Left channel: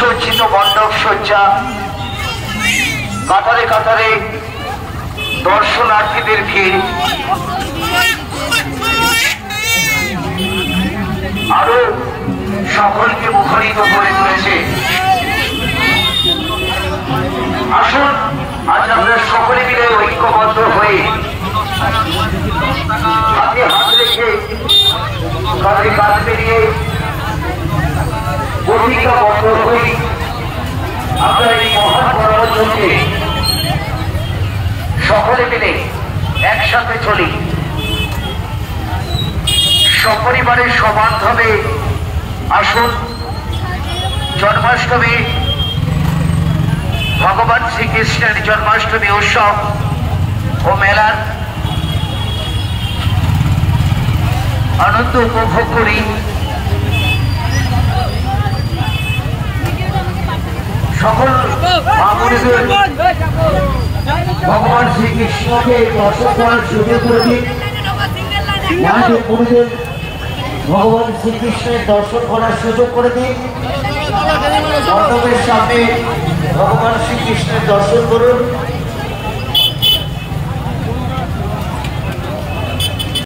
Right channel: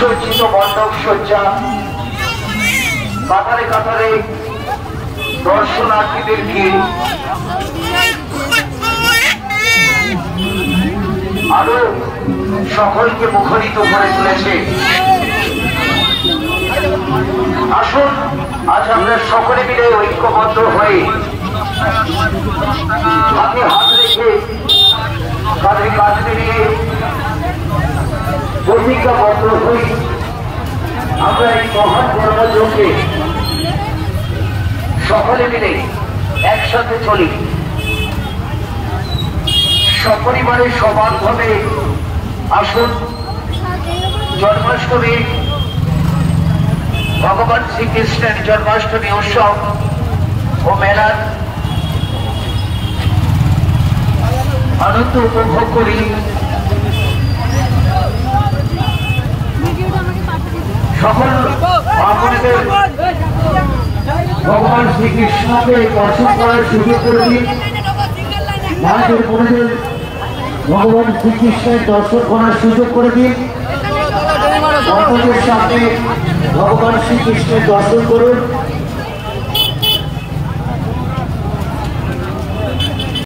সুসজ্জিত মণ্ডপ সজ্জা, কাতারে কাতারে দর্শনার্থীদের ভিড়, আরো সকলকে মুখরিত করে তুলেছে। আসুন আজ আমরা সকলে মিলে ঐক্যবদ্ধ হয়ে হাতে হাত রেখে কাঁধে কাঁধ মিলিয়ে প্রতিজ্ঞাবদ্ধ হই আমরা এই মহান গণযজ্ঞে সকলে মিলে একসাথে চলি, সপরিবারের সবান্ধবে আসুন জন্মাষ্টমী, ভগবান শ্রীকৃষ্ণের জন্মাষ্টমী উৎসব ও মেলার আনন্দ উপভোগ করি। সকল ভগবান শ্রীকৃষ্ণকে দর্শন করার সুযোগ করে দিন। মায়েদের বোনদের ভগবান শ্রীকৃষ্ণের দর্শন করার সুযোগ করে দিন। ভক্তদের সামনে ভগবান শ্রীকৃষ্ণের দর্শন করুন।